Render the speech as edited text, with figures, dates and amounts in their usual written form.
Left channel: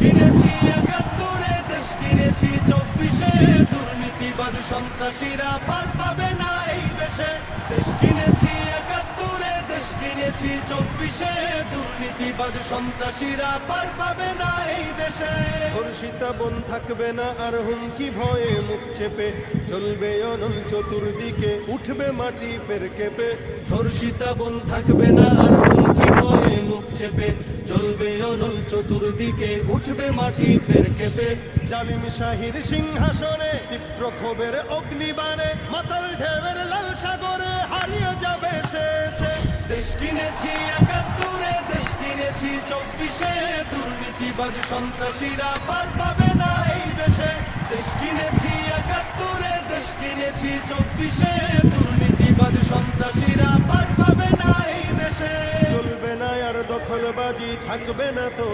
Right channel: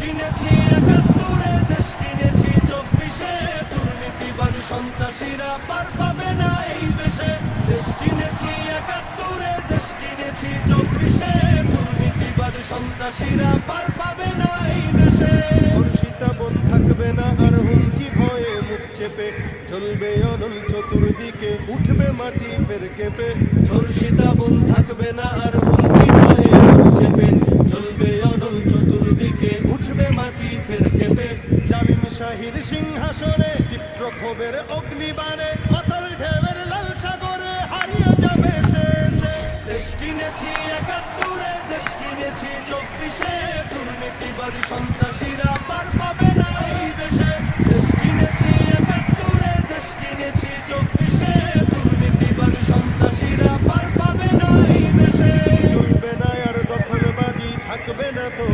কিনেছি ৭১, দেশ কিনেছি ২৪, দুর্নীতিবাজ সন্ত্রাসীরা পার পাবে না এই দেশে। দেশ কিনেছি ৭১, দেশ কিনেছি ২৪, দুর্নীতিবাজ সন্ত্রাসীরা পার পাবে না এই দেশে। ধর্ষিতা বোন থাকবে না আর হুমকি ভয়ে মুখ চেপে, চলবে অনল চতুর্দিকে, উঠবে মাটি ফের কেঁপে। ধর্ষিতা বোন থাকবে না আর হুমকি ভয়ে মুখ চেপে, চলবে অনল চতুর্দিকে, উঠবে মাটি ফের কেঁপে। জালিম শাহীর সিংহাসনে তীব্র ক্ষোভের অগ্নিবাণে, মাতাল ঢেউয়ের লাল সাগরে হারিয়ে যাবে শেষে। দেশ কিনেছি ৭১, দেশ কিনেছি ২৪, দুর্নীতিবাজ সন্ত্রাসীরা পার পাবে না এই দেশে। দেশ কিনেছি ৭১, দেশ কিনেছি ২৪, দুর্নীতিবাজ সন্ত্রাসীরা পার পাবে না এই দেশে। চলবে না আর দখলবাজি, থাকবে না তো